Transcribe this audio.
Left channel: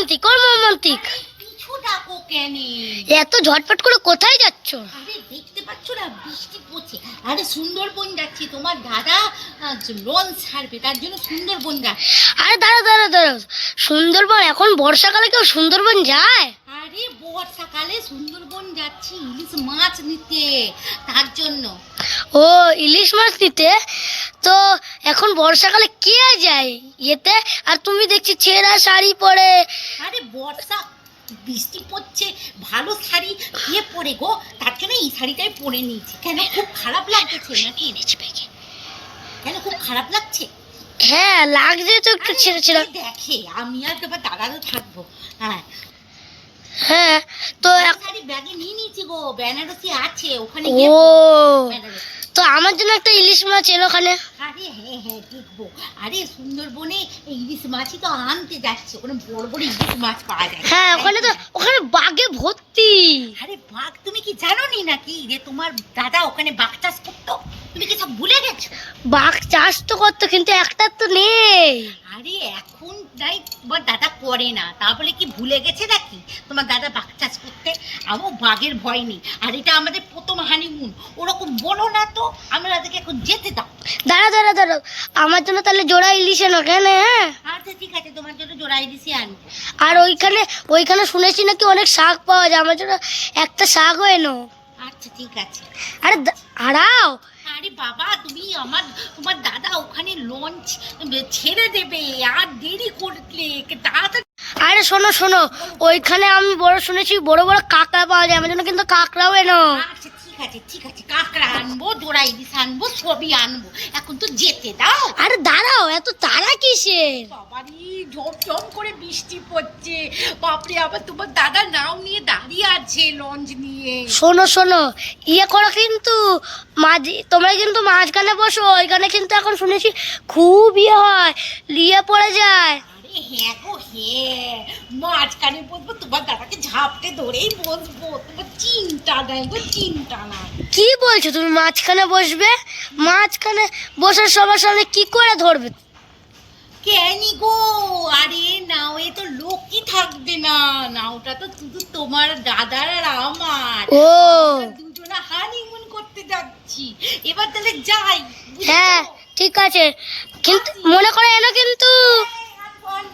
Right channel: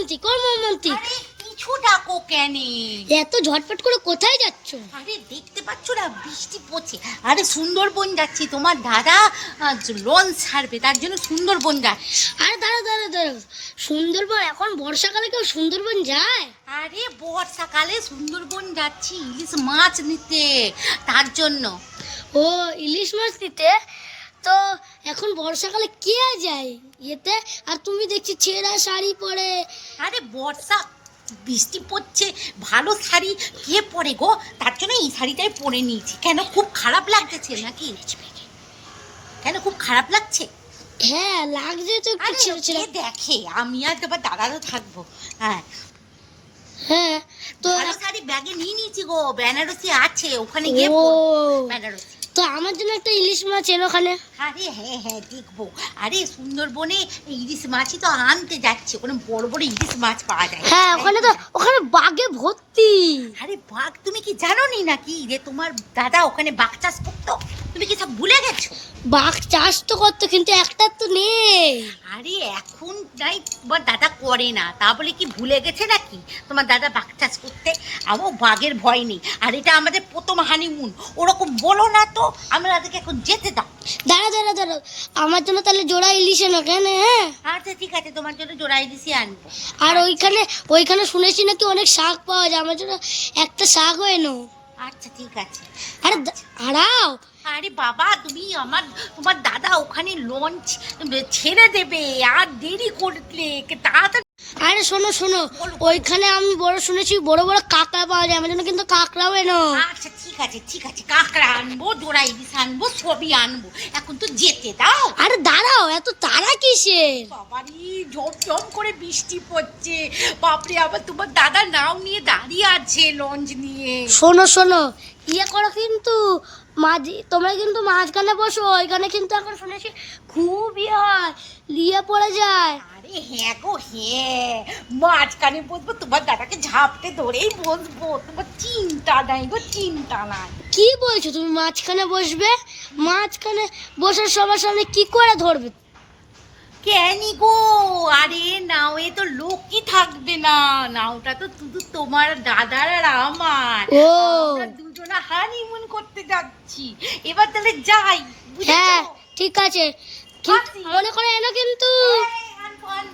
মর্মান্তিক মর্মান্তিক পিছু ডাকো কেন? এত ঝটপট করে কোথায় যাচ্ছ? আরে দেখতে পাচ্ছ না বৃষ্টি পড়ছে। আরে সুন্দরবন যাচ্ছি। তোমার দাদা লন ছাড়বে তার জন্য সুন্দরবন যাচ্ছে। আরে দাঁড়া দাঁড়া দাঁড়া সুন্দরবন এখন বর্ষাকালে কেউ সুন্দরবন যায়? আরে বর্ষাকালে সুন্দরবন যাচ্ছি ইলিশ মাছ নিতে। তার জন্য। ও ইলিশ মাছ নিতে? তো এখন বর্ষাকালে কে যায় এতে আর তুমি দেখছি ছেঁড়া শাড়ি পরে। আরে বর্ষা বৃষ্টি পড়ছে ভালো শাড়ি কে পরে গো? তার জন্য এই শাড়িটাই পরে নিয়েছি। কেন? খুব খারাপ লাগতেছে নাকি? কেন খুব খারাপ লাগছে? হ্যাঁ লাগছে তো একটু ছেঁড়া ছেঁড়া দেখে আমি আর তোমার দাদারও থাকব। হ্যাঁ। হ্যাঁ তো শাড়ি ব্যাগে নিয়ে নিয়েছি গো বেনারসি আছে ওখানে গিয়ে বেনারসি। তো আমার জন্য একটা ইলিশ মাছ এলো ওখানে। আরে হ্যাঁ হ্যাঁ দেখব। আরে সুন্দরবনে ইলিশ মাছই তো আনতে যাচ্ছে। ওখানে বড় বড় ইলিশ মাছ পাওয়া যায়। হ্যাঁ ওখানে তো ওখানে বাঘে ভর্তি। আরে বাঘ তুমি কি জানো নি নাকি যে তোমার দাদা ওখানে বাঘ চাষ করতো? তুমি কি সব ভুলে গেছো? বাঘ চাষ তো করতো কিন্তু একটা তো নেই। আরে এখন নাই তোমার দাদা করে না। তা বলে কি ভুলে গেছে নাকি? তোমার দাদা বাঘ চাষ করতে? আমার বাঘের ভয় নেই। আর এটা আমাদের প্রথম হানিমুন ওরকম বলো না তো আমরা তাদেরকে এখন যেতে দাও। দাঁড়া দাঁড়া দাঁড়া আমার জন্য তাহলে জোড়া ইলিশ এনো কেন হ্যাঁ? আচ্ছা ঠিক আছে তোমার জন্য জোড়াই দিছি আনব। আর ওইখানে ওইখানে শুনেছি নাকি অনেক শাক পাওয়া যায়। আমার জন্য একটা শাকও এনো। আচ্ছা ঠিক আছে। আরে দা- হারাও আরে বাবা তুমি আমার তোমার দাদা ওখানে লঞ্চ ছেড়ে দেবে আর দেরি করলে তাড়াতাড়ি আরে শোনো শোনো ওইখানে আমি বড় শুনেছি বড় বড় কাঁকড়া পাওয়া যায় আমার জন্য কিন্তু কাঁকড়াও এনো। আচ্ছা আছে ঠিক আছে কাঁকড়া আনব জোড়া ইলিশ আনব সবই আনব। এখন তো যেতে দাও। আরে দাঁড়াও এত তারা কিসের? বাবারি জম করে বৃষ্টি পড়ছে। বাপরে আবার তোমার দাদা নাও নিয়ে দাঁড়িয়ে আছে লঞ্চ নিয়ে। শোনো শোনো ইয়ে করো কিন্তু মাঝি তোমরা কিন্তু মাঝখানে বসো ওইখানে কিন্তু এখন শুনেছি খুব ইয়ে হয় লিয়ে পড়ে যায়। হ্যাঁ গো হ্যাঁ। মাঝখানে বসবো তোমার দাদাকে ঝাপটে ধরেই বসবো। তোমার চিন্তা নাই গো চিন্তা নাই। কি বলছো তুমি মাঝখানে বসবে? মাঝখানে বসার সবার সামনে কি করে ধরবে? কেনি গো? আরে নাওয়ে তো লোকই থাকবে না। নাওটা তো শুধু তোমার দাদার আর আমার। ও। দুজনা হানিমুন করতে যাচ্ছি। এবার তাহলে যাই হ্যাঁ ঠিক আছে। কিন্তু মনে করে এনো কিন্তু। one.